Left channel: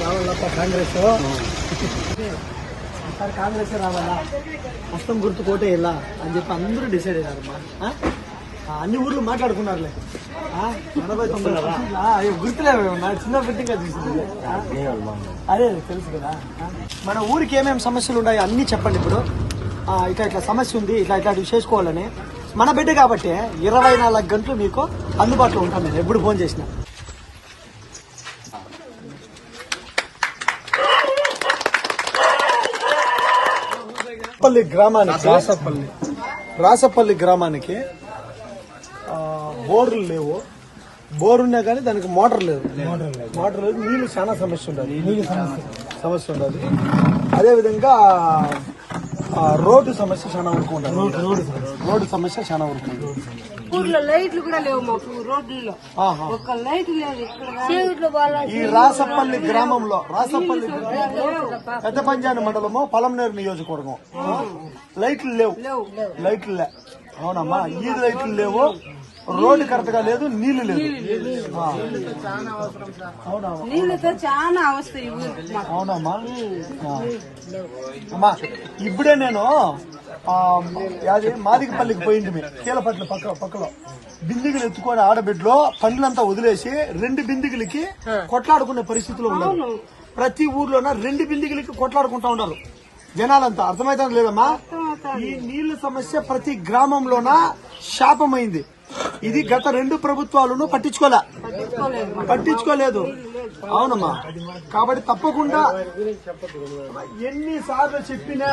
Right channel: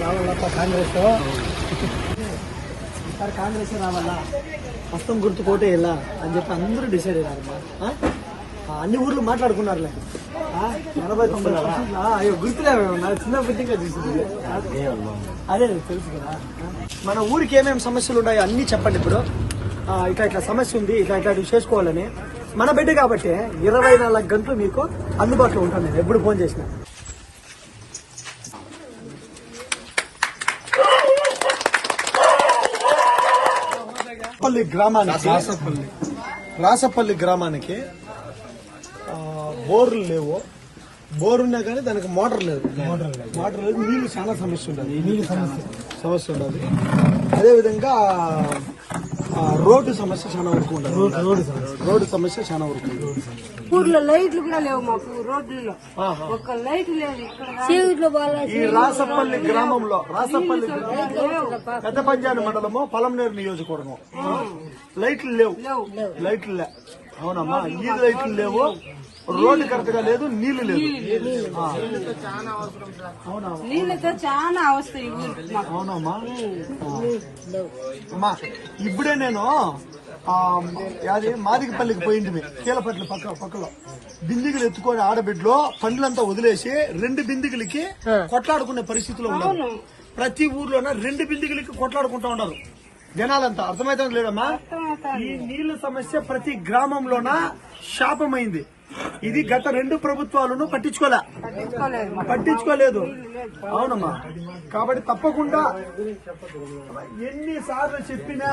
రావాలప్ప కాంగ్రెస్ ఈసారి కాంగ్రెస్ రావాలా? హస్తం గుర్తు కోటే ఇలా అని చెప్పి అందరూ డిసైడ్ అయ్యారు అమ్మా. ఆ? ఆ, అన్ని ఊర్లు మాట్లాడుకున్నారు ఎనభై తొంభై అయ్యో గుర్తులేవు చిన్న బిడ్డగా చూసింది ఆ? అదే తెలుసు కదా? మన ఊరికి ఏమేమి సమస్యలు ఉన్నాయో అన్ని చెప్పండి ఇప్పుడు. ఇట్లా ఇట్లా సమస్య ఉంది ఇట్లా ఇట్లాంటివి చేసుకోవాలని. మన బిడ్డ కాబట్టి ఇరవై నాలుగు గంటలు మీకు అందుబాటులో నేను ఎప్పుడు ఫోన్ చేసినా. రాసపల్లి గ్రామానికి రాసపల్లి. గ్రామానికి ఆ, బోర్లు లేవు. బోర్ ఉన్నా కానీ దానికి మోటార్ లేదు. మోటార్ లేదు. నీళ్ళు చాలా సమస్య ఉండదు నీళ్ళు సమస్య. సమస్య ఉండదు అదే విధంగా ఆ, రోడ్డు సమస్య చాలా వరకు ఉండదు రోడ్డు సమస్య. చాలా వరకు ఉండదు ఊర్లో లైట్లు కూడా లేవు మాకు రోడ్లలో. ఒక్క లైట్ లేదు. ఈ రాసపల్లి గ్రామంలో రాసపల్లి పెద్ద పంచాయతీ మండలము పొలంనేరు నియోజకవర్గం. లైట్లు లేవు. లైట్లు లే అవునమ్మా ఈ లైట్లు లేవు. రోడ్డు కరెక్ట్గా లేదు. నీళ్ళు లేదు నీళ్ళతో చాలా అవస్థ అవునమ్మా. అమ్మా ఇప్పుడే నేను యాది మాదికపల్లికి పోయింది మీరు కీలపట్ల పక్క పక్కలో. బిందిగులు ఎత్తుకొని ఆడబిడ్డలో పండ్లంతా వదిలేసి రెండు బిందిగులకి కొట్లాడుకునే పరిస్థితిలో ఉన్నారు. ప్రతి ఊర్లోన రెండు బిందిగులకి కొట్లాడుకుంటా ఉన్నారు. జనాలంతా. అర్థమైతే లేదమ్మా? ఈ నీళ్ళ సమస్య ప్రతి గ్రామంలోన శాపమైంది. ఇది గత రెండు ప్రభుత్వాలను పట్టించుకోలే. పట్టించుకోలేదు. అవునమ్మా. కాబట్టి తప్పకుండా ఎన్నిసార్లు చెప్పినా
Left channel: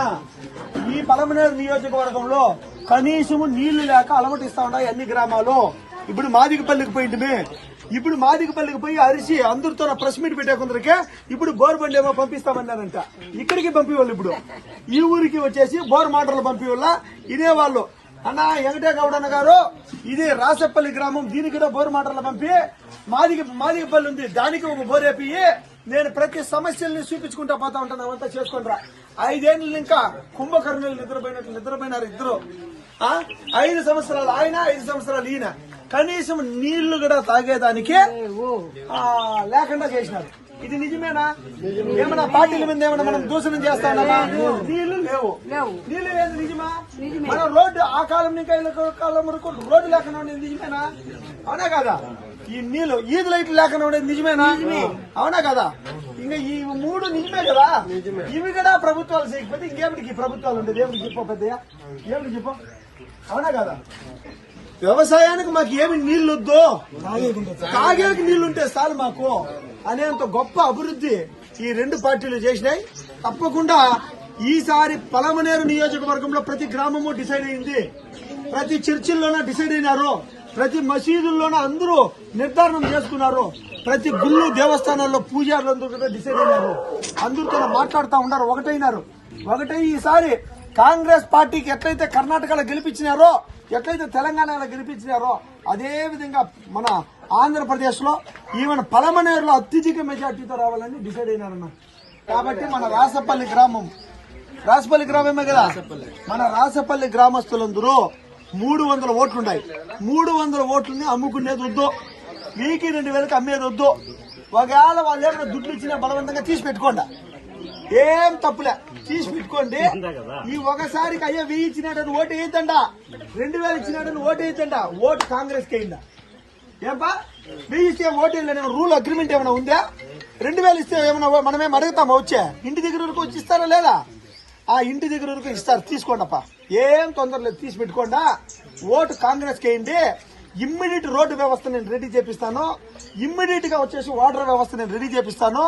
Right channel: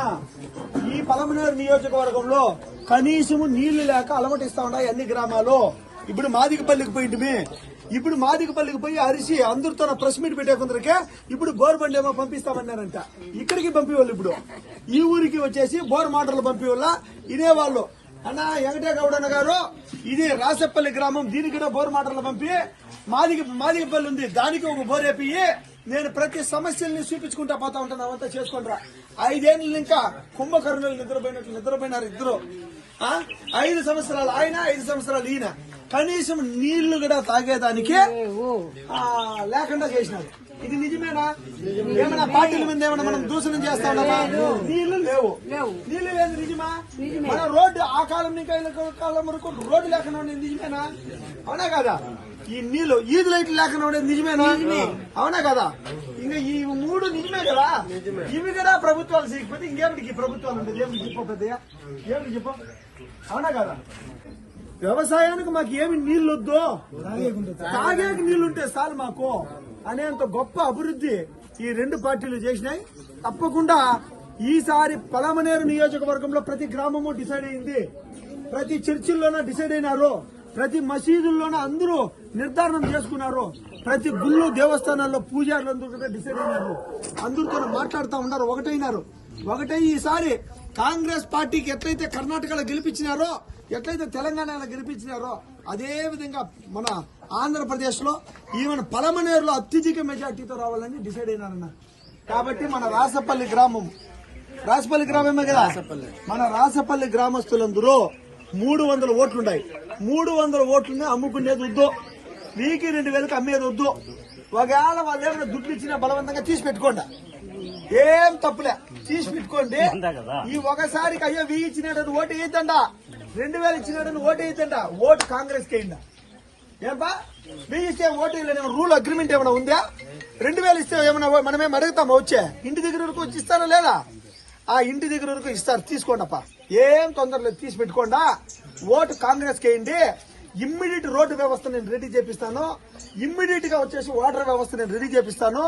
ఈ పలమనేరు నియోజకవర్గంలో కనీసం నీళ్ళు లేక అలమటిస్తా ఉన్నాయి అన్ని గ్రామాలు ఇప్పుడు మాదికపల్లికి పోయింటే ఇప్పుడు మాదికపల్లికి పోయి అరిసి అందరితో ప్రెస్ మీట్ పెట్టే కొందరికే ఇప్పుడు బోర్ బండి ఏమో పంపిస్తామన్నారంట. ఇక్కడికి పంపేవాళ్ళు ఇప్పుడు. ఈ ఊరికి వచ్చేసి బోర్ మాటలు పంపేవాళ్ళ ఇదే వాళ్ళు. అన్న వెంకటే గౌడన్న అన్న గారు ఇది రాసపల్లి గ్రామం దీనికి కూడా బోర్ మాటలు పంపి మాదిగ మాదిగపల్లి ఉంది. దానికి ఒక బోర్ వేపి నేను ప్రతి సమస్యల్ని చూపించుకుంటా పోతా ఉంటాను. అవంతా చేసుకుంటారా ఐదేళ్ళు ఇంకా కుంభకర్ణులు నిద్రపోయినట్లు నిద్రపోయినారు ఇద్దరు. ఐదు సంవత్సరాలు ఆయన ఐదు సంవత్సరాలు ఈయన. కనీసం నీళ్ళు కూడా తాగేదానికి లేకుండా చేసినారు. ఇది నిజమేనా? ఏమన్నా పార్టీల మీద ఏమన్నా మనం దూషణం చేస్తా ఉన్నామా? నీళ్ళు లేవు. లేవు. నీళ్ళు లేదు నిజమా? మన రోడ్డు ఆ కాలం నుంచి కాలం వరకు రోడ్డు లేకుండా ఉండేది నిజమేనా? అవునా కదా? ఈ నీళ్ళు ఈదు లైట్లు లేకుండా ఉండేది నిజమేనా? అవునా కదా? ఇంకా ఈ మూడు నిజమే కదా? ఇవి కూడా ప్రభుత్వాలు చేయకపోతే ఇంకేమిటికి ప్రభుత్వాలు ఉండేది? ఏమిటి చెప్పు పెద్దయ్య? ఏమిటి చెప్పు? అవునా కదా? వ్యవసాయానికి మాకు ఏమి నీళ్ళు వద్దు తాగేకి నీళ్ళు ఉంటే చాలు మాకు. అనేంత గొప్ప అభివృద్ధి ఈ రెండు పార్టీలు చేసినాయి. తప్పకుండా ఈసారి పలమనేరు నియోజకవర్గంలో ప్రతి గ్రామము డిసైడ్ అయింది. ప్రతి చర్చిల్లోన డిసైడ్ అయినారు. ప్రతి మసీదుల్లోన అందరూ నిర్ధారణం చేసుకున్నారు. ప్రతి గుళ్ళు దేవస్థానాల్లో పూజారులు అందరూ కూడా డిసైడ్ అయినారు. అందరితో మాట్లాడుతూ ఉన్నారు. ఒకటైనారు. ఒకటై ఈసారి కాంగ్రెస్ పార్టీకి ఎట్లయితే కర్ణాటకలో గెలిపించినారో ఎట్లయితే తెలంగాణలో గెలిపించినారో అదే విధంగా మన ఆంధ్రప్రదేశ్లో ఈవెన్ పలమనేరులో అత్యధిక మెజార్టీతో రావాలని డిసైడ్ అయినారన్న. కాబట్టి మన రాసపల్లి గ్రామం రాసపల్లి గ్రామమే కదా? మన రాసపల్లి గ్రామస్తులందరూ మూడు వందల ఓట్లున్నాయి. మూడు వందల ఓట్లని అమ్ముకునేది వద్దు. వీకి రెండు వేలకు అమ్మేది వద్దు. ఒకవేళ వాళ్ళు ఏమైనా దుడ్లు ఇచ్చినా బలవంతంగా తీసి పెట్టుకోండి. ఏం తప్పులే. తీసి పెట్టుకోండి. ఈ ఒకసారికి అయ్యో వెయ్యి ఇచ్చినట్టు ఓటు వేయద్దండా రెండు వేలు ఇచ్చినట్టు ఓటు వేయద్దండా ఓటు కాంగ్రెస్కి అయిందా ఏంపా? వెయ్యి ఇస్తే ఓటు వేయలేని రూల్ అగ్రిమెంట్ ఏమైనా ఉందా? రెండు వేలు ఇస్తే ఏమైనా మనమేం అడుగుతామా వచ్చే? ఇంటి దగ్గర వరకు వచ్చి ఇస్తారా లేదా? ఆ ఇంటి దగ్గర వరకు ఇస్తారు. తీసుకోండి అప్ప ఏం తొందర లేదు. తీసి పెట్టుకోండా. ఓటు కాంగ్రెస్కి వేయండి ఇమ్మీడియట్ రోడ్డు వ్యవస్థ నేను రెడీ చేపిస్తాను. ఇమ్మీడియట్గా వచ్చేసి వాటర్ వ్యవస్థ నేను రెడీ చేపిస్తాను.